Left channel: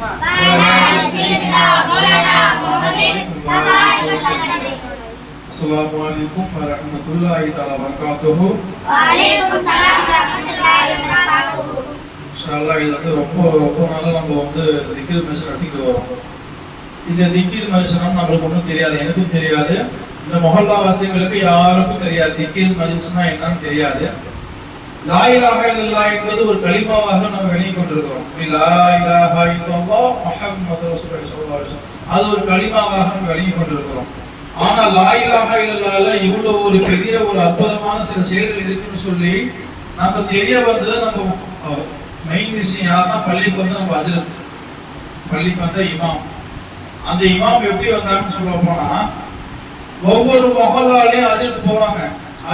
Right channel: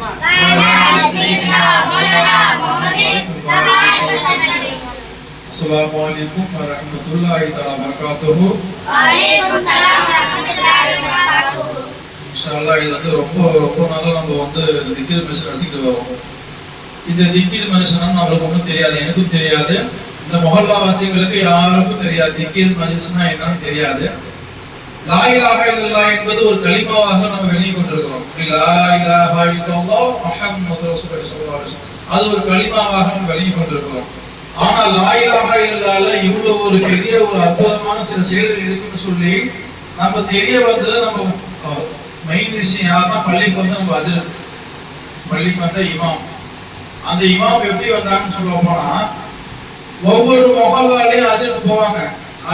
Assalamualaikum warahmatullahi wabarakatuh. Waalaikumsalam warahmatullahi wabarakatuh. இன்ஷாஅல்லாஹ் இது வந்து ரொம்ப நாளா நம்ம வந்து திக்ர் மஜ்லிஸ் நடத்திட்டு வரோம். இந்த திக்ர் மஜ்லிஸ் நம்மளுக்கு ஒன்றும் தெரியாது, எனக்கும் தெரியாது, இந்த மொஹல்லா வாசிகளுக்கு யாருக்கும் தெரியாது திக்ர் மஜ்லிஸ்னா என்னன்னு தெரியாது. லா இலாஹா இல்லல்லாஹ் என்பது ஒரு கலிமாவாக நம்ம வெளியே கொண்டிருக்கிறோம். லா இலாஹா இல்லல்லாஹ் முஹம்மது ரசூலுல்லாஹி ஸல்லல்லாஹு அலைஹி வஸல்லம் அது ஒரு கலிமாவாக நம்ம வெளியே கொண்டிருக்கிறோம். ஆனா லா இலாஹா இல்லல்லாஹ்ல இவ்வளவு ஒரு பெரிய ஒரு அற்புதமான சில செயல்கள் இருக்குன்னு சொல்லி நம்ம தெரிய வந்தது. நம்ம மெயின் விஷயம் யாருன்னா பள்ளிக்கு வந்து நம்ம அஜரத், பள்ளிக்கு வந்த இமாம். அந்த இமாம் எப்படி வந்தாங்கன்னு சொல்ல போனா ஒவ்வொரு மொஹல்லாலையும் அஜரத் போவாங்க.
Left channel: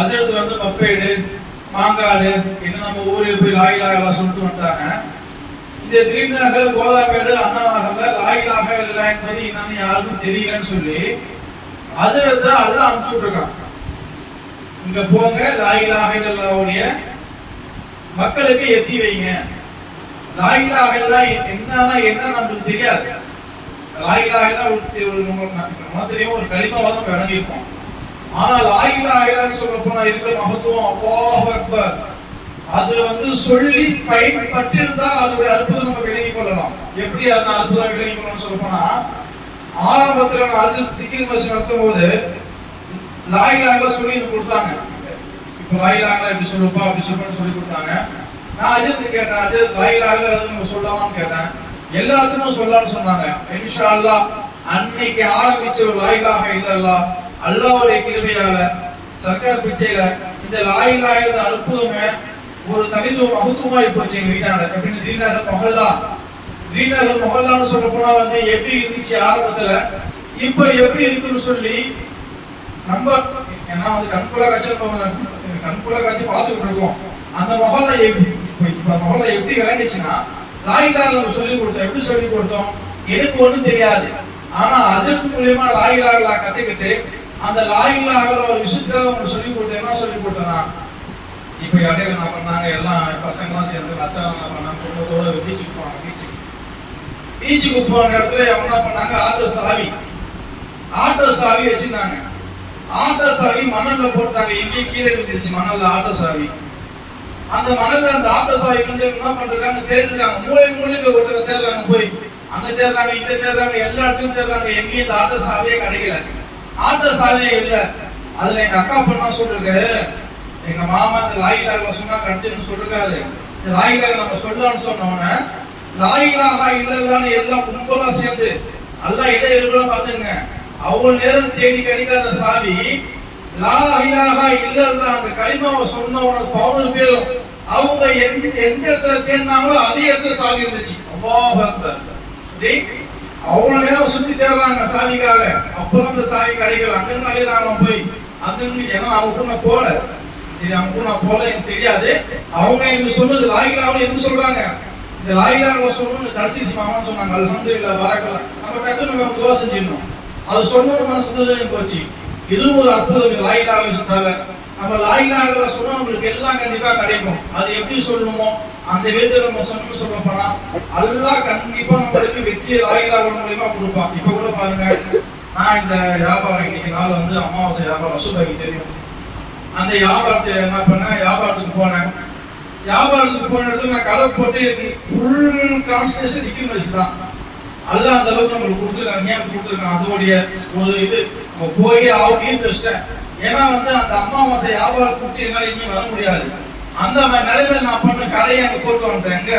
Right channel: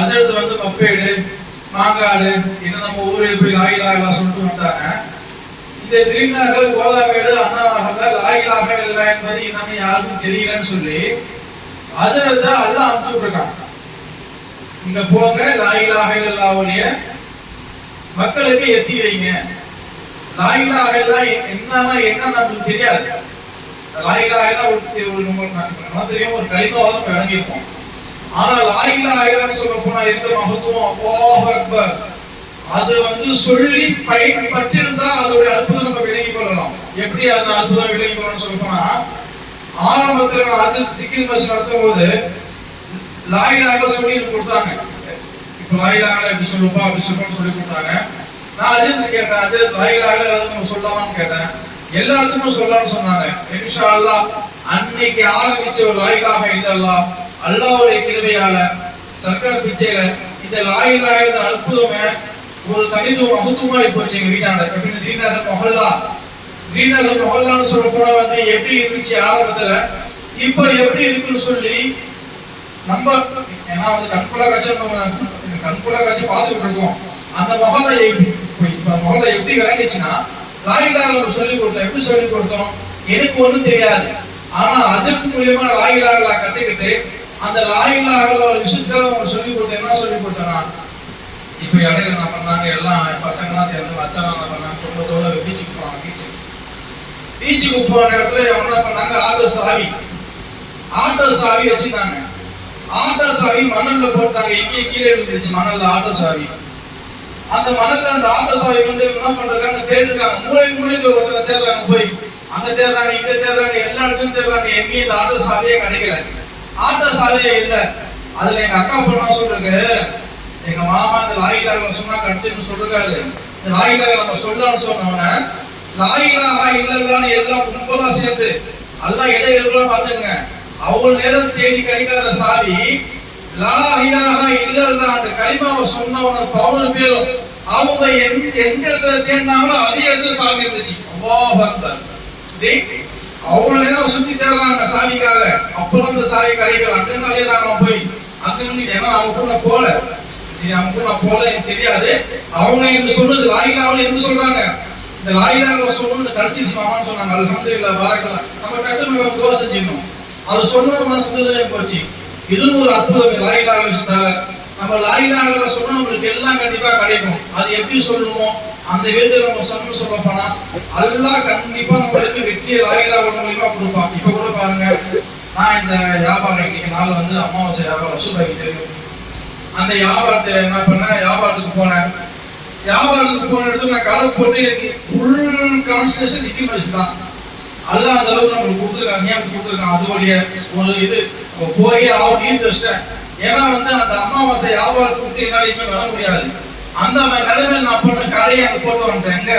அஜரத் வந்து மப்பேடு மாங்காடு இன்னும் நம்ம ஊருக்கு போய் லா இலாஹா இல்லல்லாஹ் சொல்லிட்டு வந்தாங்க. இந்த திரீநகர் கோதாமேடு அண்ணா நகர்ல லா இலாஹா இல்லல்லாஹ் என்பது என்னன்னு யாருக்கும் தெரியலன்னு சொல்லி அஜரத் அல்லாஹ் அனுப்பிச்சு விட்டுருக்கான். இங்க போங்க, லா இலாஹா இல்லல்லாஹ்வுடைய மக்களுக்கு எத்தி வைங்க. லா இலாஹா இல்லல்லாஹ் என்ன நமக்கு தெரியாது. லா இலாஹா இல்லல்லாஹ் தெரியும், ஒரு கலிமாவாக இறங்கியிருப்போம். ஆனா லா இலாஹா இல்லல்லாஹ்னு சொல்ல போனா இருக்கிற மகத்துவம் அல்லாஹு அக்பர். அது வந்து சொல்லி பயன்பட்டிருந்தா அதோட அற்புதம் நம்ம விளங்கிக் கொள்ளலாம். எப்படி அந்த அற்புதம் விளங்கிக் கொள்ளலாம் சொல்ல போனா ஆரம்பத்துல நான் திக்ர் மஜ்லிஸ் நடத்தும் போது லா இலாஹா இல்லல்லாஹ் சொல்லி கொடுத்தாங்க. இப்ப லா இலாஹா இல்லல்லாஹ் எப்படி சொல்லுப்பா அப்படி சொல்லுன்னு சொல்லி கொடுத்தாங்க. நான் அஜித் கேட்டேன், அஜித் லா இலாஹா இல்லல்லாஹ் நம்ம சொல்லலாமான்னு கேட்டேன். எல்லாத்துக்கும் சொல்லலாம்னு சொன்னாங்க. இன்ஷா அல்லாஹ் அன்னைக்கு ஆரம்பிச்ச ஒரு லா இலாஹா இல்லல்லாஹ் அல்லாஹ்வுடைய கிருபையால சர்க்கார் பிச்சையில இந்த லா இலாஹா இல்லல்லாஹ் அற்புதமே ஒரு தனித்துவ மகத்துவமாய் போச்சு எங்க வீட்டாண்ட. எப்படின்னு திரீநகர் மொஹல்லா, திரீநகர் மொஹல்லான்னு சொல்ல போனா வந்து எப்படி இருந்துச்சு ஆரம்பத்துல, இப்ப எப்படி இருக்குன்னு சொல்லி நம்ம ஏன்னா வந்து கண்கொள்ளா காட்சி பார்த்துட்டு இருக்கோம். அந்த மொஹல்லா இப்ப மொஹல்லா எப்படி விளங்கிச்சுன்னா லா இலாஹா இல்லல்லாஹ் சொல்லி கொடுத்தோம். எப்படி சொல்லி கொடுத்தோம் எனக்கு ஒண்ணும் தெரியாது. ஆனா அதற்கு மூலியமா லா இலாஹா இல்லல்லாஹ் கத்துக்கிட்டு அந்த லா இலாஹா இல்லல்லாஹ் ஒரு விஷயத்துக்காக சொல்லி கொடுத்தோம். என்ன சொல்லி கொடுத்தோம்னா இப்ப இடையில என்ன பண்ணாங்க, எல்லாம் பசங்க எல்லாம் சேர்ந்து மச்சான் என்ன பண்ணாங்க, குடும்பத்தோட பீச்சுக்கு போனாங்க. பீச்சுக்கு போன இடத்துல என்ன பண்ணாங்க, ஆட்டோ சாவி வச்சிருந்தாங்க. ஆட்டோ சாவி மணல்ல போட்டாங்க. எங்கேயே கீழே விழுந்துருச்சு மணல்ல ஆட்டோ சாவி. அந்த மணல்ல அந்த ஆட்டோ சாவி வந்து என்ன பண்றாங்க, தேடிருக்காங்க. மூளைக்கு ஒருத்தர் தேடுறாங்க, போய் அங்க தேடுறாங்க, இங்க தேடுறாங்க, எல்லா இடத்துலயும் தேடுறாங்க. எங்கேயும் இந்த ஆட்டோ சாவியே கிடைக்கல. ஆட்டோ சாவியே இல்லை. அதுல எங்க அக்கா பொண்ணா சொல்லிருக்கு, எங்க மாமா இந்த லா இலாஹா இல்லல்லாஹ் சொன்னா கடுத்துன்னு சொல்றாரு. இந்த லா இலாஹா இல்லல்லாஹ் நம்ம சொல்லலாம்னு சொன்னோம்னா லா இலாஹா இல்லல்லாஹ்னு எல்லாம் கும்பலா சேர்ந்து அல்லாஹ் எதை எழுதுறோம் பாத்துங்க. அவ்வளவு நேரம் தேடி கிடைக்காத சாவி லா இலாஹா இல்லல்லாஹ் அந்த கலிமாவை சொன்னவன 11 பேரும் அவங்க எந்த இடத்துல தேடினாங்களோ அதே இடத்துல சாவி இருந்துச்சு. அல்லாஹ் அக்பர். அவ்வளவு நேரம் சுத்தி தேடுறாங்க சாவிக்காக. அப்புறம் அந்த சாவி கிடைக்கல. அங்க அலையறாங்க போய் அங்க ஏன்னா அவங்க கூட போல சரி, அவங்க கூட போல எனக்கு தெரியாது. அவங்க எனக்கு சொன்னது லா இலாஹா இல்லல்லாஹ் சொல்றாங்க. இந்த லா இலாஹா இல்லல்லாஹ் சொல்லணும்னு கடைசி மாமான்னு சொன்னாங்க. அல்ஹம்துலில்லாஹ் பாரக்கல்லாஹ். நம்ம டக்குனு நம்ம துவா செஞ்சிடணும். அது சொன்னது மனசுதான் போச்சு. இதுவும் ஒரு அற்புதம். லா இலாஹா இல்லல்லாஹ் நம்ம லா இலாஹா இல்லல்லாஹ் சொன்னா நம்மளுக்கு எல்லாம் கண்டிப்பா கிடைக்கும். அது எப்படி சொல்லணுமோ அந்த விதத்துல நம்ம சொன்னோம்னு சொல்ல போனா அல்லாஹ் கண்டிப்பா நம்மளுக்கு வெற்றியை லா இலாஹா இல்லல்லாஹ் மூலமா கொடுப்பான். இப்ப கூட பாருங்க, நான் இந்த வியாபாரம் இன்னைக்கு நாள் வந்து அமாவாசை வியாபாரம் ரசூலுல்லாஹி தெரியும். அந்த வியாபாரத்தை என்ன பண்ண, வியாபாரத்துக்கு போன இடத்துல நான் கடை போட்டு ஃபுல் கான்சன்ட்ரேஷன் திக்ர் மஜ்லிஸ் தான். அல்லாஹ் அந்த அளவுக்கு நம்மளுக்கு கொடுத்துருக்காங்க, ஞாபகம் கொடுத்துருக்காங்க. அதோடைய ஒரு இது நம்ம போய் ஆவுட்டியும் வச்சிட்டேன். ஏன்னா வந்து அந்த அமாவாசை வியாபாரத்தை விட்டு என்னால இங்கே வர முடியாது. அந்த மாதிரி நிலைமையில நான் பண்ண கடையை அங்கே போட்டு வந்துட்டேன். எங்க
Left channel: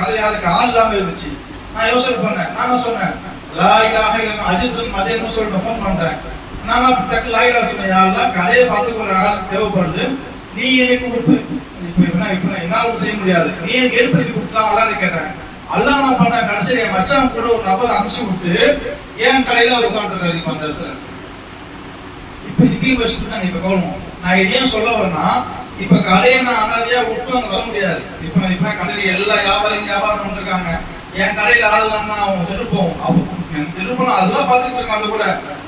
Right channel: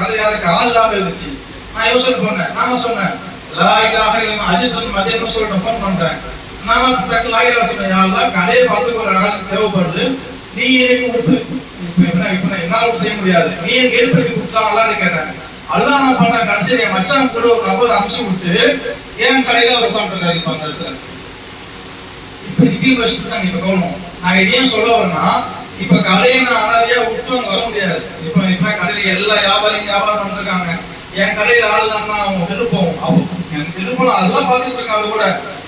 கடை யாருக்கு ஆள் இல்லாம இருந்துச்சு. நான் யோசனை பண்ணேன். நான் சொன்னேன் லா இலாஹா இல்லல்லாஹ் அஜித் மதியம் சொல்லிட்டு ஃபோன் பண்றேன். நான் டக்கு லா இலாஹா சொன்னேன், யா அல்லாஹ் கடையை பார்த்துக்க ஒரு ஆள் தேவைப்படுது, நீ எனக்கு விட்டு இப்ப என்னால செய்ய முடியாது, நீ எனக்கு ஏற்படுத்தி கொடுத்தாங்களான்னு கேட்டேன். அல்லாஹ் நான் பண்ணேன். கடைசியில் என் மச்சான் கூட ஒரு நபர் அனுப்பிச்சு விட்டு என் கடையில ஒரு உட்காந்துருக்காரு. இப்ப அந்த இடத்துல இப்ப திகில் வச்சுட்டு நாங்க இப்ப கவனம். நான் இதையும் சொல்ல வரேன்னா இப்ப கடையை நான் அனாதையா விட்டு அங்க வர முடியாது. இப்ப கடையில எல்லா வியாபாரம் பண்ணிருக்காங்க. என் கடையில ஆள் இல்லைன்னா அவங்க திருப்பம். அப்போ எனக்கு திருப்பம் அதெல்லாம் பார்த்துட்டு இருக்காங்க. கூட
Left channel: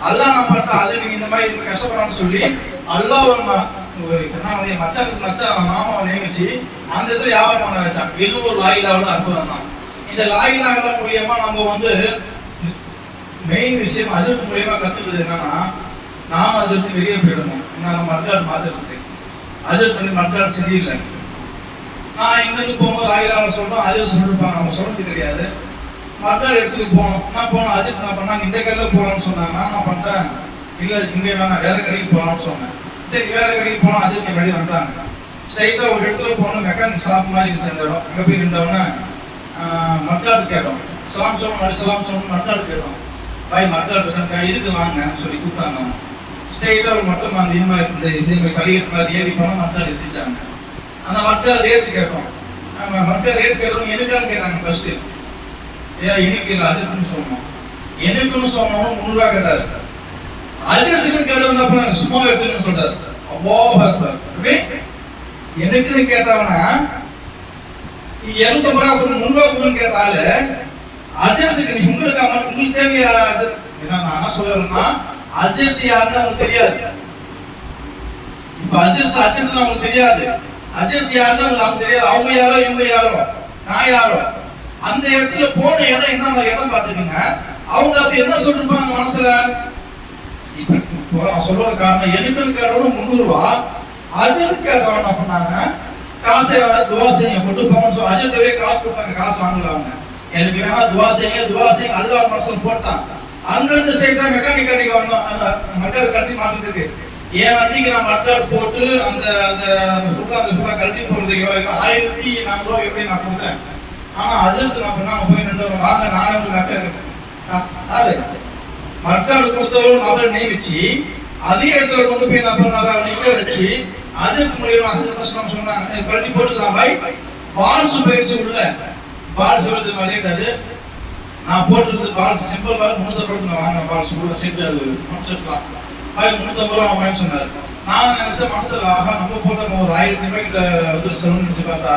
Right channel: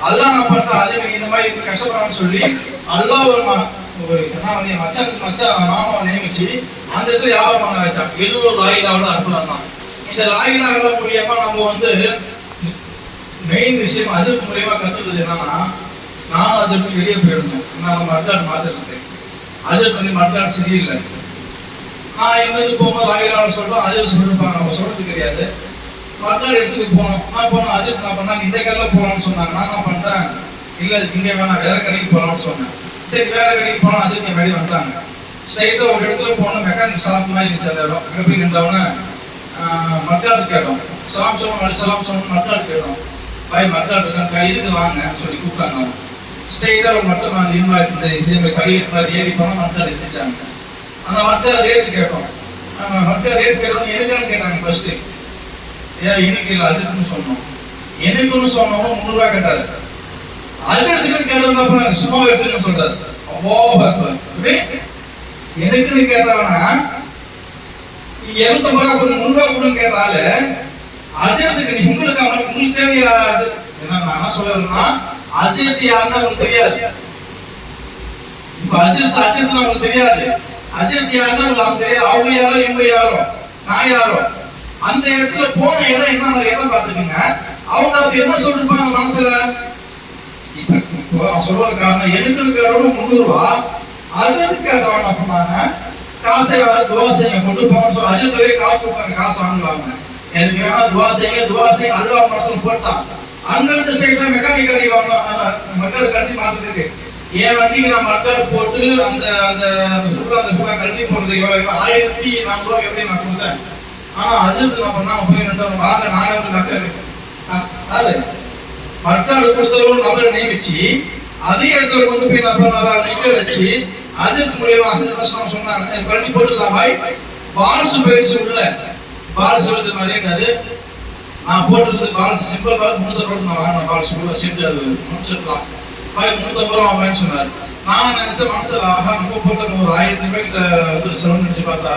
அல்லாஹ் நான் பண்றேன், அது நீங்க இந்த மாதிரி கஷ்டப்படான்னு சொல்லி அல்லாஹ் ஒரு மச்சான் மாமாவை நியமிச்சு அந்த இடத்துல வியாபாரம் பண்ண வச்சான். இது ஒரு லா இலாஹா இல்லல்லாஹ் அற்புதம் தான். இந்த லாயிலாக மூலியமா நம்ம வந்து மெயின் விஷயம் அஜர்த் மூலியமா கத்துக்கிறது என்னன்னா, நானும் அஜர்த்து வெளியே போயிருந்தோம். நம்ம மட்காடு மாத்திருக்கு, அஜர்த்து மட்காடு சரியில்லை. நான் இங்கிருந்து போகும்போது லாயிலாக சொல்றோம், அஜர்த் சொல்லிருப்பாங்க, நம்ம சொல்றது கிடையாது. மட்காடு எடுத்துட்டு போனோம். நான் போனோம், அஜர்த் நான் பண்ணாங்க இந்த கடையில் போகலாம்னு சொன்னாங்க. நான் என்ன பண்றேன், இல்ல இங்க வேணாம் வேற கடைக்கு போகலாம்னு சொன்னேன். சரி வேற கடைக்கு போனோம், அஜர்த் வெளியே வந்துட்டாங்க. ஸ்ட்ரைட்டா ஒரு இடத்துல போனோம், மெக்கானிக் ஷாப் மாதிரி இருந்துச்சு அந்த இடம். அங்கே போய் நின்றவொன்னே மட்காடு கேட்டோம், சலாம் சொல்லணும் சலாம் சொல்லணும் மட்காடு கேட்டோம். பாய் மட்காடு இருக்காங்க, இதுக்கு வாங்க சொல்லி கூப்பிட்டாங்க. ஸ்ட்ரைட்டா ஒரு மட்டும் அந்த இது மாதிரி இதே மாதிரி படிக்கட்டு மாதிரி ஏறி போனோம், மட்காடு எடுத்துச்சாங்க. அந்த மட்காடு ரேட்டு கேட்டோம். மட்காடு ரேட் கேட்டோம், எதுக்கான்னு கேட்டாங்க. ஃபர்ஸ்ட் ஏன் எனக்கு இல்லை அதுக்குன்னு சொன்னோம். எனக்குன்னு சொன்னோம் 3 ரூபா கேட்டாரு. அதுக்கு கேட்டோம் சும்மா எடுத்துன்னு சொல்றாரு. எனக்குன்னு கேட்டாங்கன்னா 250 ரூபா கொடுங்க 3 ரூபா கொடுன்னு கேட்டால அஜர்த்துக்கு நீ உங்களுக்கு தேவையா? நான் சொல்ல வரேன்னா அஜர்த் யாருன்னு உங்களுக்கு தெரியாது. இப்ப அஜர்த் உங்களுக்கு தெரியாது. அஜர்த் யாருன்னு உங்களுக்கு தெரியாது. அவங்க யாரோ இவங்க யாரோ நான் யாரோ. அந்த இடத்துல போன இடம் என்ன மாதிரி இடம் பார்த்துக்கீங்க. அவங்க அப்படி என்ன சொல்லிருப்பாங்க மனசுல? இப்போ நான் சொல்ற காரணம் எனக்குன்னு கேட்டவங்க 300 ரூபா, அஜர்த்து கேட்டவங்க என்ன பண்ணாங்க, காசை வேலை துவா செய்யுங்க கொண்டு போங்கன்னு சொல்லி அஜர்த்தவே காசு கொடுத்தாங்க. காசு வாங்கலாங்க, எனக்கு வேணா துவா செய்யுங்க அல்லாஹ் மனசுல போட்டான். அங்கிருந்து ஸ்ட்ரைட்டா மெக்கானிக் கடைக்கு வந்தோம், மட்காடு கட்டி மாட்டுறதுக்கு. என் வண்டிக்கு நான் மட்காடு போட்டு அந்த அந்த ஃபுல்லா கட்டி போறதுக்கு எவ்வளவு 1400 ரூபா எப்படி நான் கொடுத்தேன். ஆனா அஜர்த்து நான் பண்ணாங்க போய் நின்று வாங்க நானே வந்து மட்காடு கொடுத்தவரும் நபர் நியமிச்சு அதே இடத்துல கொண்டு போய் நபர் நிக்க வச்சு அஜர்த் மூலியமா அந்த சொன்னாங்க பண்ணி போட்டுக்கலாம் பாய். பால்ஸ் போயிடுச்சு உள்ள, பால்ஸ் எழுது மாதிரி இருக்காது. நான் போட்டுருக்குது பால்ஸ் சிம்பிள் பால் 350 ரூபா வாங்க. பால்ஸ் உள்ள சீட்டு அது முடிச்சிருக்கலாம் பாய் 350 ரூபா வாங்கன்னு சொன்னாரு. நான் நினைச்ச மனசுல ஆகா நம்ம போட்ட ஒரு 1000 ரூபாய் கிட்ட வந்து செலவு நினைச்சு பார்த்தா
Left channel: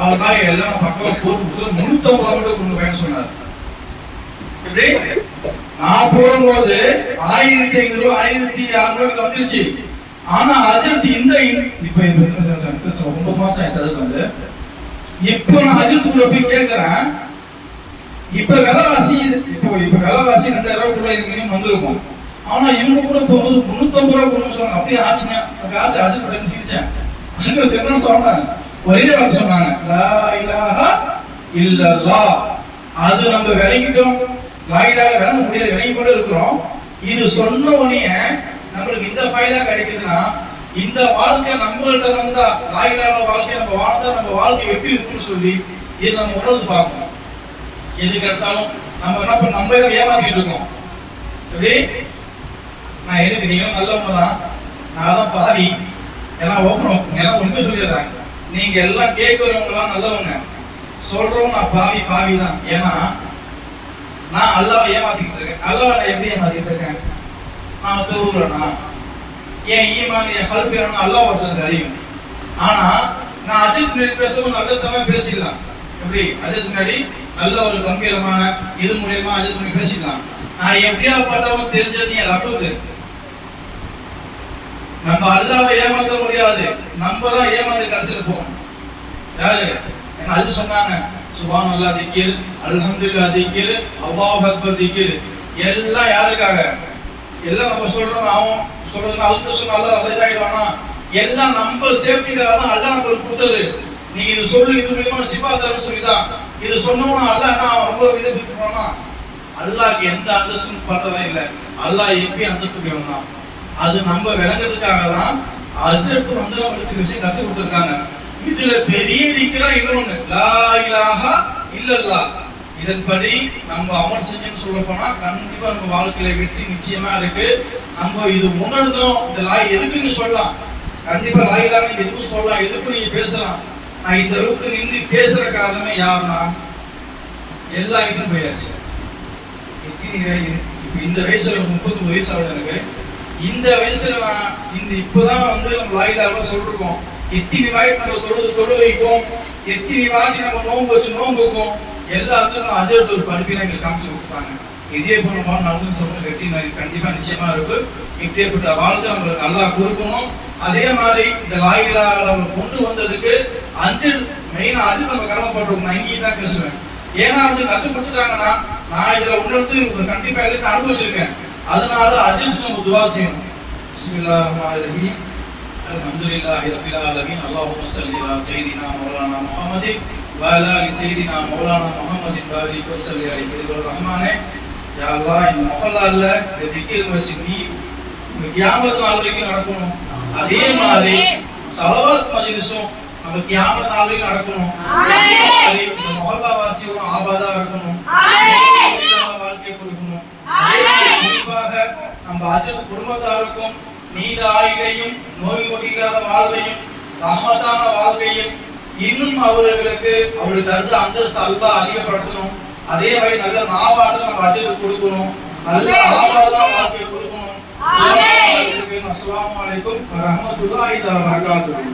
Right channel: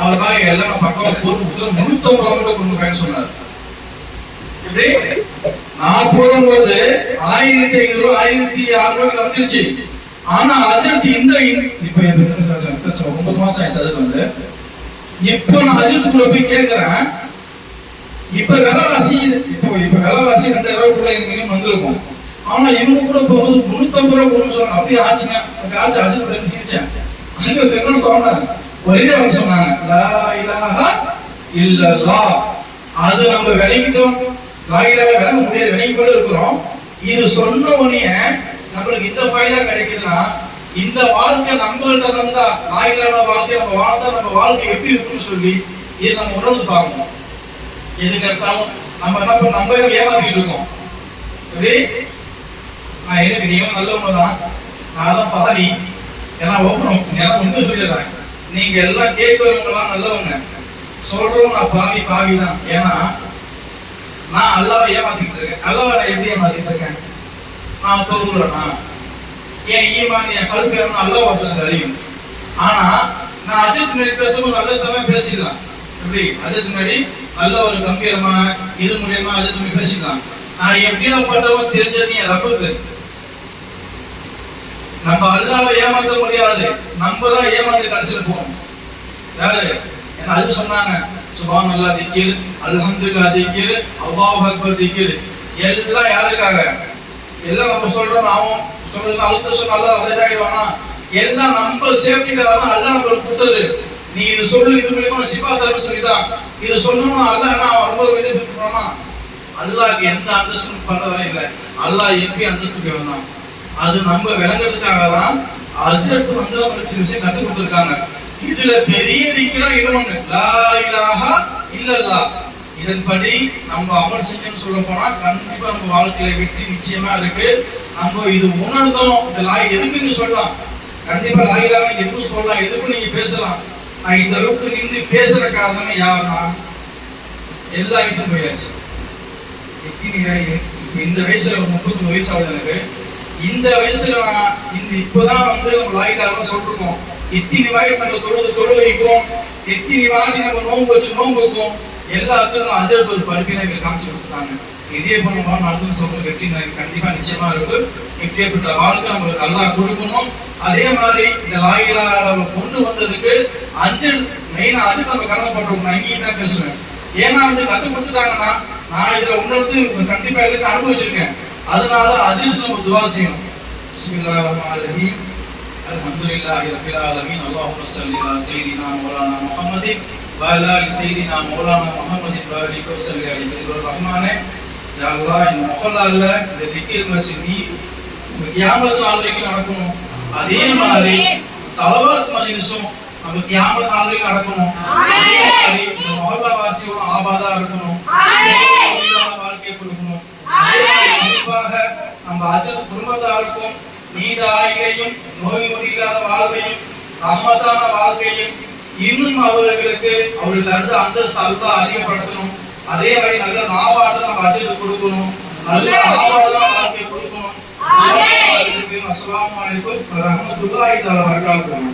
அவர் பாய் எல்லாம் பக்கம் போட்டு 350 ரூபா கூட கொடுங்கன்னு சொன்னாரு. இப்படி நான் போடும்போது 1500 ரூபா 1600 ரூபாய்க்கு வந்துருச்சு. ஆனா அஜர்த் இந்த இப்ப 9 மாசம் ஆயிடுச்சு. அதுக்கு வந்து இப்ப நான் அஜர்த் கூட போய் கேட்கிறேன், இப்ப விலைவாசி 2000 ரூபாய்க்குள்ள மினிமம் வந்திருக்கும். ஆனா இவங்க கூட போகும்போது 350 ரூபாய் கொடுன்னு சொன்னாங்க. அப்படியே ஆச்சுங்க. ஆச்சு அஜர்த் கூட சிரிச்சேன். அஜர்த் என்ன சொன்னாங்க, ஒரே வார்த்தை சொன்னாங்க, லா இலாஹா இல்லல்லாஹ். அது நம்ம விளங்கிட்டோம், லாயிலாக விளங்க முடியாது, விளங்கி கொண்டு இருக்கிறோம். இது சொன்ன உடனே நம்மளுக்கு இந்த ஃபைதா கிடைக்குதுன்னா இந்த வாழ்க்கை நம்மள்ட்ட இருந்தா லாயிலாக வாழ்க்கை நம்ம வாழ்ந்தா நம்ம வாழ்க்கை எப்படி இருக்குன்னு சொல்லி இது நம்ம உணர்ந்து பார்க்கணும். எதுக்கு எடுத்தாலும் நம்ம என்ன பண்ண நம்ம ஏமாத்திட்டு இருக்கோம். எப்படி நான் எனக்கு நீங்க நல்லவங்க தான், நான் தான் பாதி. ஏன்னா உண்மை சொல்லிடுறேன், நீங்க எல்லாம் கேட்கிறவங்க எல்லாம் நல்லவங்க, சொல்றவங்க நான் பாவி தான். ஏன்னா நான் அல்லாஹ்வை ஏமாத்திட்டு இருக்கேன். அல்லாஹ்வை நான் எப்படி ஏமாத்திட்டு இருக்கேன்? நான் தொழுறேனா, என் ஈமான் என் கல்வி அல்லாஹ் ஒருத்தருக்கு அறியும். ஆனா நான் அஜித் முன்னாடி பேசும்போது நல்ல பேசிக்கலாம். எப்படி அஜித் முன்னாடி நல்ல ஒரு கம்பீரமான இது மூலியமா அஜித் முன்னாடி பேசிக்கலாம். நான் எப்படியாப்பட்டவங்க தெரிஞ்சது என் ரப்புக்கு. நம்ம அல்லாஹ்வை ஏமாத்த முடியாது, நம்ம தான் ஏமாந்து கடைசியில் போவோம். யாரு என்ன அது சொன்னாங்க, சுப்ஹானல்லாஹ் திக்ர், அல்ஹம்துலில்லாஹ் திக்ர், அல்லாஹு அக்பர் திக்ர். எல்லாம் யாருக்காக? எல்லாம் நம்ம சொல்றோம், அவன் சொல்றது அழுத்த சொன்ன அல்லாஹ் ரஜாயிடுவானா? எல்லாம் நம்ம சேஃப்டிக்காக தான் அல்லாஹ் நம்மளுக்கு கொடுத்தது. நீங்க இது சொல்லு, இது மூலியமா சிபாத்தரம் சொல்லிதான் இது சொன்னோம்னா அல்லாஹ் என்ன ரொம்ப ஒரு இதை பிடிப்பானா? அல்லாஹ்க்கு எந்த அந்தஸ்தும் பண்றதும் இல்லை. அல்லாஹ் எப்படி அந்தஸ்து வந்தான் அது நம்ம விளங்குறதுக்காக தான் அஜர்த் வந்து நம்மளுக்கு விஷயம் கற்றுக் கொடுத்துருக்காங்க. இதுல பெரிய திக்ரா இன்னொன்னு, லா இலாஹா இல்லல்லாஹ். இதன்படி நம்ம அமல் செஞ்சோம்னு சொல்ல போனா கண்டிப்பா நம்ம வாழ்க்கையில வெற்றி நிச்சயமா இருக்கு. நம்ம இது உணர்ந்தோம், இந்த லாய் எதுக்கு நீ சொல்லலாம், கண்டிப்பா லாய் இலாஹா எதுக்கும் சொல்லலாம், எதுக்கும் நீங்க பேசலாம். நான் இந்த அளவுக்கு நின்று பேசுற காரணமே யாருன்னா எல்லா வீட்டும் போயாச்சு. இப்ப இந்த வயசுல 39 வயசு ஆகுது எனக்கு. இந்த வயசுல நான் இப்பதான் வந்து நம்ம லாய் இலாஹா சொல்லிருக்கோம். எத்தனை வாட்டி நம்ம தொழுது வைக்கும், எத்தனை வாட்டி நம்ம நோம்பு வச்சு நோம்பு வைக்கும். எல்லாத்துக்கும் அஜர்த் ஒரு பருப்பினை காமிச்சு கொடுத்தாங்க. இதே போல நாளும் சொல்ற வெற்றி கண்டிப்பா நிச்சயமா இருக்கு. இப்படிப்பட்ட வாழ்க்கை நம்மளுக்கு நல்லா கொடுக்கணும். அதே மாதிரி இந்த லாயிலாக கொண்டு வந்ததுக்கு மெயினா அது நம்ம கடமைப்பட்டிருக்கோம். நான் இங்கேயும் தான் பேசுவேன். ஏன்னா வந்து கத்து கொடுத்துட்டாங்கன்னா நான் இதுல உணர்ந்து கண்டிப்பா எல்லாத்தையும் அனுபவிச்சிருக்கேன். அதனால அஜித் நம்ம துவா செய்யணும். பிஸ்மில்லாஹிர் ரஹ்மானிர் ரஹீம். அல்ஹம்துலில்லாஹி ரப்பில் ஆலமீன். அல்லாஹும்ம ஸல்லி அலா சய்யிதினா மௌலானா முஹம்மதின் வ அலா ஆலி சய்யிதினா மௌலானா முஹம்மதின் வ பாரிக் வ ஸல்லி அலைஹி ரஹ்மானே. யா அல்லாஹ், இந்த மஹல்லால இந்த திக்ர் மஸ்ஜித் நீ கியாமத் நாள் வரைக்கும் நடக்கணும். அதே மாதிரி ஸலவாத் மஜ்லிஸும் நம்ம கியாமத் நாள் வரைக்கும் நடக்கணும். ஆமீன். இந்த மஹல்லா வாசியோட ஆபாதா இருக்கணும். ஆமீன். வாழ்க்கை கொடுக்கணும். குறிப்பாக நம்ம அஜத் குடும்பத்தாருக்கும் நீண்ட ஆயுளையும் நோய் நொடி இல்லாத வாழ்வையும் ரஹ்மத்தான வாழ்க்கையும் இன்னும் அவர்களுக்கு அவர்கள் தருது அந்தஸ்து அல்வா அதிகப்படுத்தணும். அதே மாதிரி நல்ல நாவாடு நம்ம அஜத் கொடுக்கணும். நல்ல ஆபாதா வாழ்க்கை கொடுக்கணும். அஸ்ஸலாமு அலைக்கும் வரஹ்மத்துல்லாஹி வபரகாத்துஹு.